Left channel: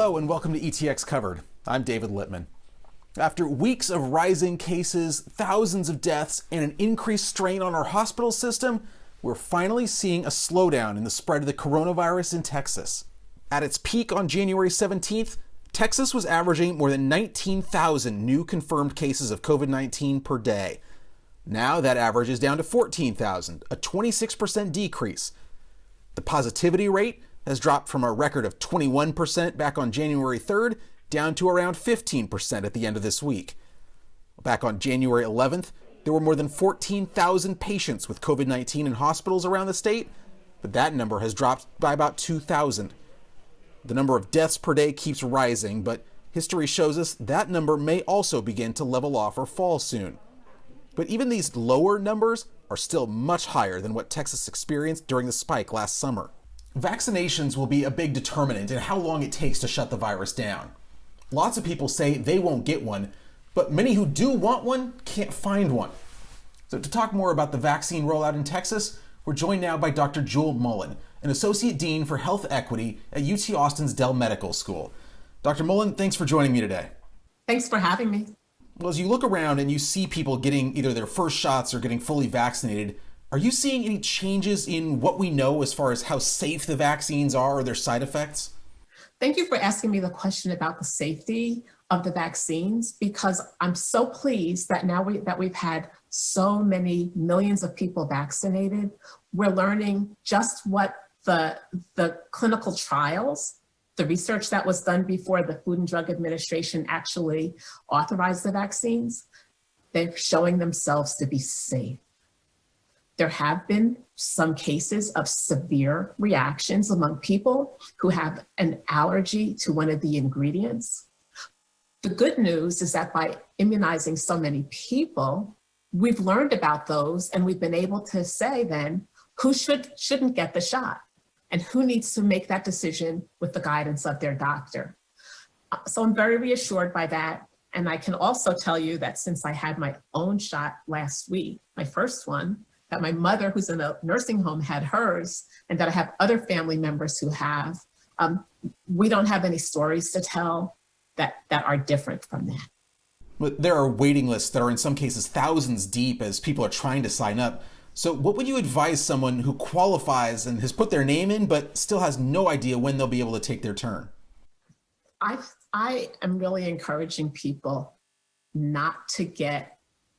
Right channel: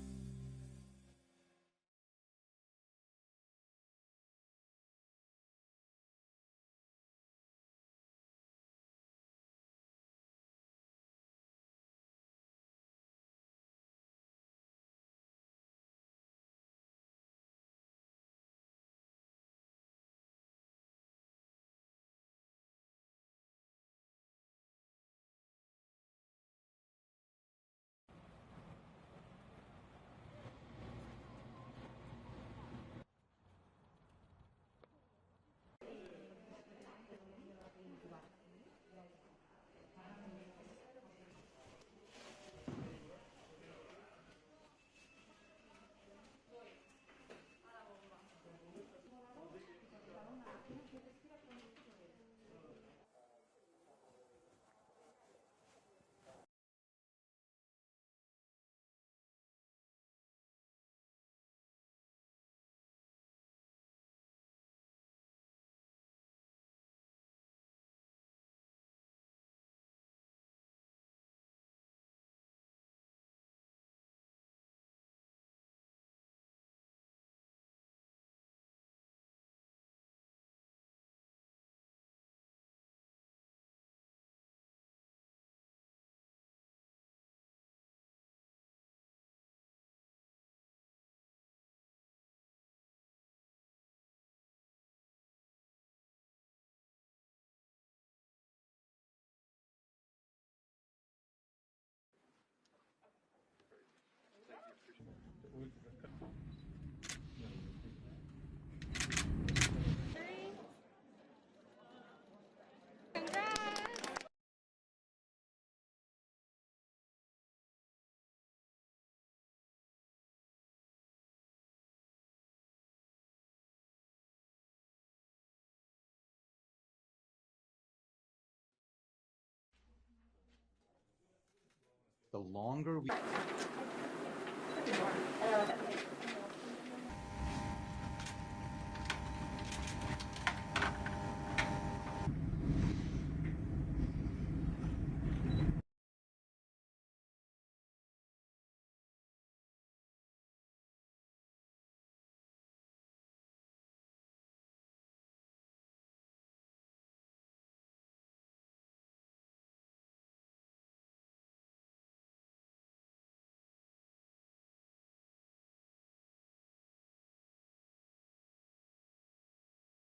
Hello and welcome to ETX Covered. I'm David Littman. After weeks of rising cases, thousands of deaths, and an increased strain on our hospital system, we're finally seeing a slowdown in the spread of the coronavirus in Texas. At its peak on January 17th, Texas was averaging more than 19,000 new confirmed cases of COVID-19 per day. Now that average is down to 14,000, a 26% decrease. The positivity rate has dropped from a record of 21% back on January 3rd down to around 15% at the end of this week. Back on January 11th, there were more than 14,000 patients with COVID-19 in hospitals around the state, but that number has dropped by about 2,000. The number of deaths per day keeps rising, but history shows us that number may also begin to level off or fall soon. But even these lower numbers are still much higher than what Texas experienced during the spike last summer. Vaccinations will be a big determinant in how long it takes to shut the virus down. Lots of people say they won't get one, but many who do want one can't find one. So to talk more about the vaccine rollout in Texas, we're joined now by Dr. Mullen, an Associate Dean for Health Equity at UT Austin's Dell Medical School. Dr. Mullen, thanks for joining me today. Thanks for having me. Well, as you look around and you see people getting either their first shots or getting fully vaccinated, are you seeing any changes in what we know as far as how safe the vaccines are or their side effects? Thank you for asking me the question about the safety of the vaccines, because I'm so pleased that now that we've had so many millions of people vaccinated, we're learning just what the clinical trials, the research that was done before the Food and Drug Administration actually authorized the vaccines, they're showing themselves to be safe. There have been some cases of severe reactions among people who have an allergy to one of the ingredients. The good news is that by immunizing so many people, we've learned about those and we've been able to say then who shouldn't get the shot and who needs to make that decision with the guidance of their doctor. So I'm very reassured by that. And I can also tell you that since I had my own shot last week, my first one, that my mother who's in a nursing home had hers, and that I have other family members who have, we don't have any stories to tell that are different from that. But there are waiting lists that are in some cases thousands deep as people are trying to sign up. So what would you advise someone who qualifies and has put their name in but still has no idea when they'll be able to take their turn? I am really encouraging people not to get,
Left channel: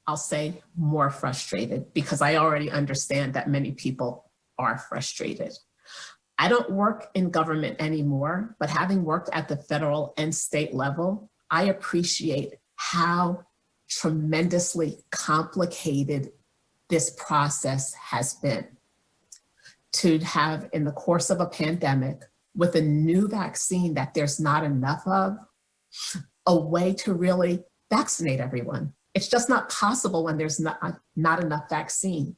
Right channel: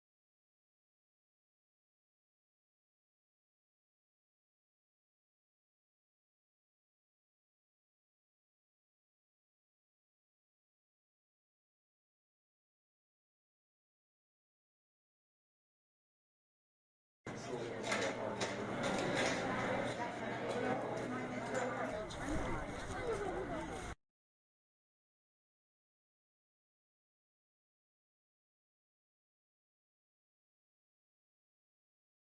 I'll say, more frustrated, because I already understand that many people are frustrated. I don't work in government anymore, but having worked at the federal and state level, I appreciate how tremendously complicated this process has been. To have, in the course of a pandemic, with a new vaccine that there's not enough of, a way to really vaccinate everyone. It's just not possible when there's not enough vaccine.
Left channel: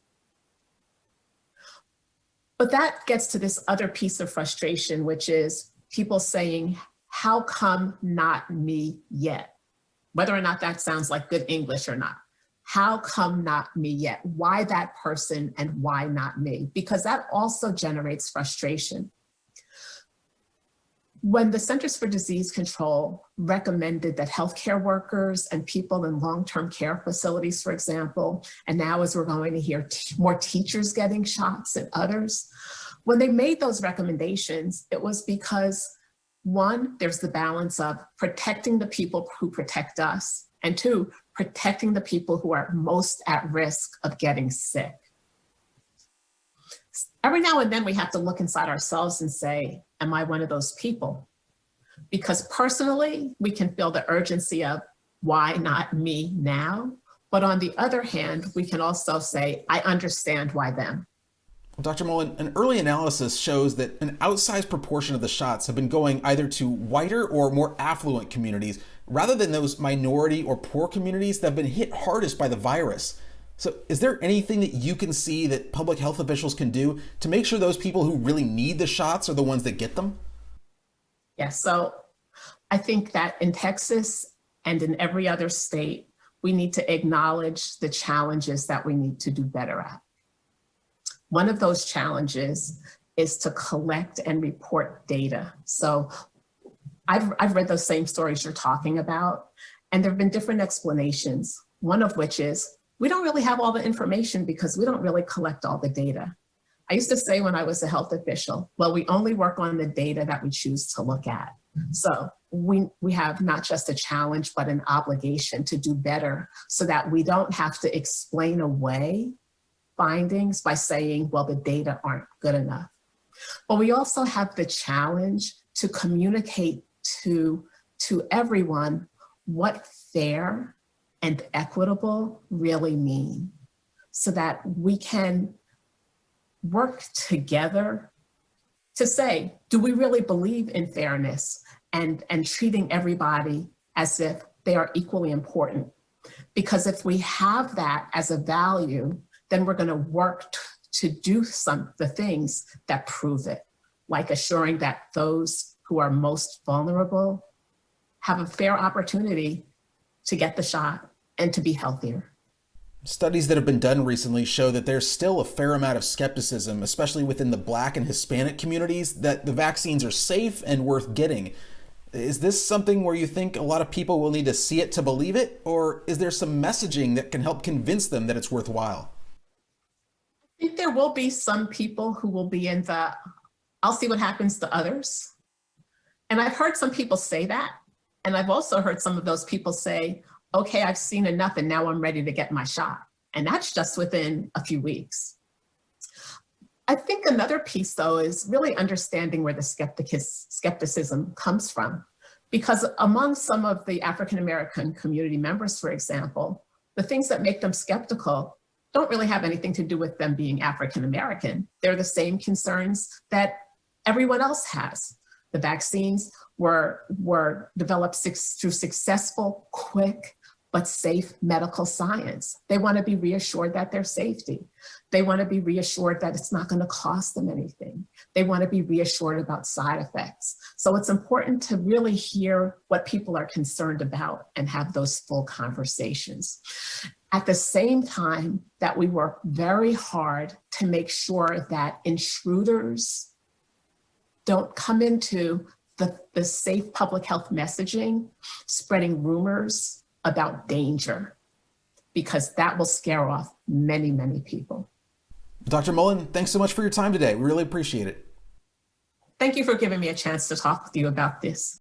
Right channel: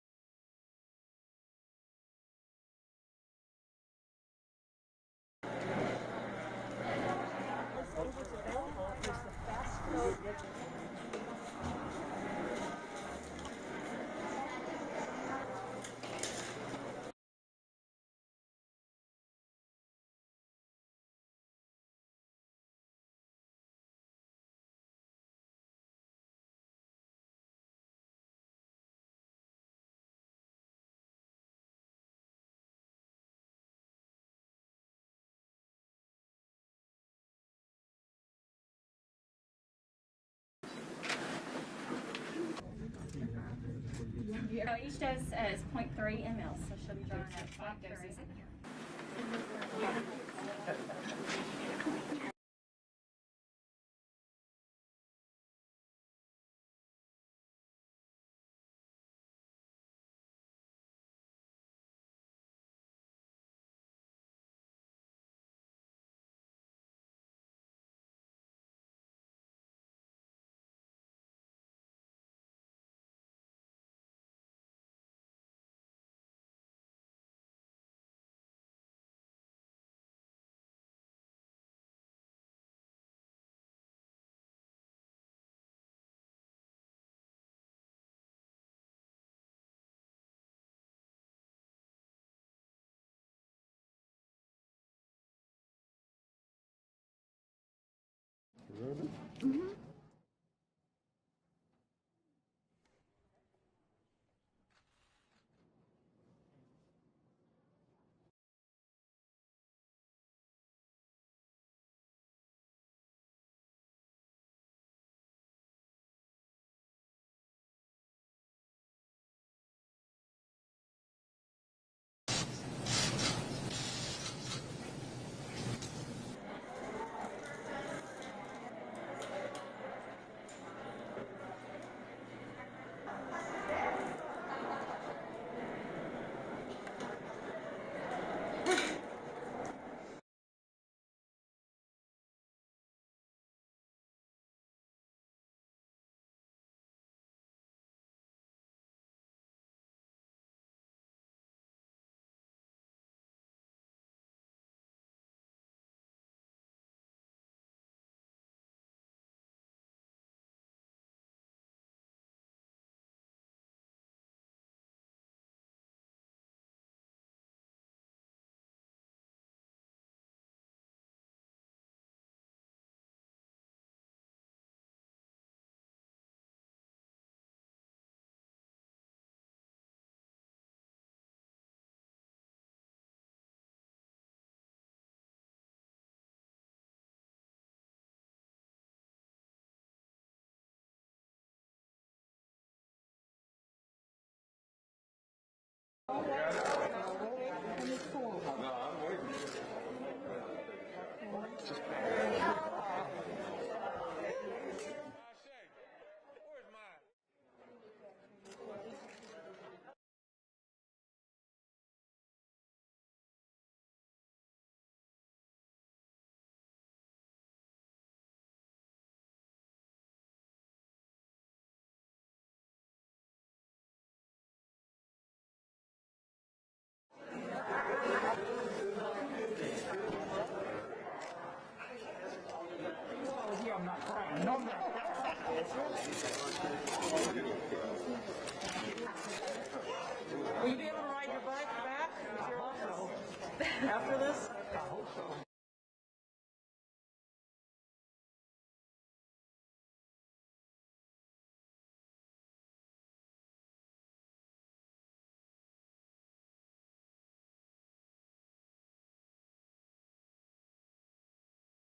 But that gets to this other piece of frustration, which is people saying, how come not me yet? Whether or not that sounds like good English or not. How come not me yet? Why that person and why not me? Because that also generates frustration. When the Centers for Disease Control recommended that healthcare workers and people in long-term care facilities, for example, and now as we're going to hear more teachers getting shots and others, when they made those recommendations, it was because, one, there's the balance of protecting the people who protect us, and two, protecting the people who are most at risk of getting sick. Every now and then we have to look inside ourselves and say, am I one of those people? Because personally, we can feel the urgency of why not me now? But on the other hand, we can also say, I understand why them. Dr. Mullen, an early analysis shows that an outsized proportion of the shots have been going either to whiter or more affluent communities, rather than those minority or poor communities that have been hit hardest by the virus. So is there anything that you can see that public health officials can do to make sure those people who really need the shots are the ones that get them? Yes, so I think that in Texas and in every other state, we need to acknowledge the challenges that we need to do better at. One of those challenges is to collect and report data. So I've read those same stories you're talking about, and there have been different explanations. One of which is we don't really have all the information because we don't really collect all the data. I used to say when I was a health official, well, we only work on the data that we choose to look at. So we have not just a challenge, but an obligation to do better so that we don't have to explain away findings by saying, well, the data aren't good enough. But we also have the challenge to communicate to everyone what fair and equitable really mean, so that we can work together to say, do we really believe in fairness and treating everybody as if they are equally important? Because if we have that as a value, then we're going to work to do the things that prove it, like assuring that those who are most vulnerable have a fair opportunity to get the shot and to be healthier. Studies that have been done recently show that there's still a fair amount of skepticism, especially within the Black and Hispanic communities, that the vaccines are safe and worth getting. Is this something where you think a lot of people will need to see it to believe it, or is there some messaging that can help convince them that it's worthwhile? I think there will be some people who will be in the, I'll see what happens to others. And I've heard some people say that. And I've also heard some of those people say, okay, I've seen enough and now I'm ready to get my shot. And that's just within a few weeks. I think another piece, though, is really understanding where the skepticism comes from. Because among some of the African-American community members, for example, the things that make them skeptical don't really have anything to do with them being African-American. They're the same concerns that everyone else has. The vaccines were developed through successful, quick, but safe medical science. They want to be reassured that their safety. They want to be reassured that it's not going to cost them anything. They want to be reassured about side effects. So it's important to really hear what people are concerned about and have those full conversations. At the same time that we work very hard to make sure that intruders don't come into the safe public health messaging, spreading rumors about danger, because that will scare off many, many people. Dr. Mullen, thanks so much for your time today. We really appreciate it. Thank you for giving me a chance to talk with you about this.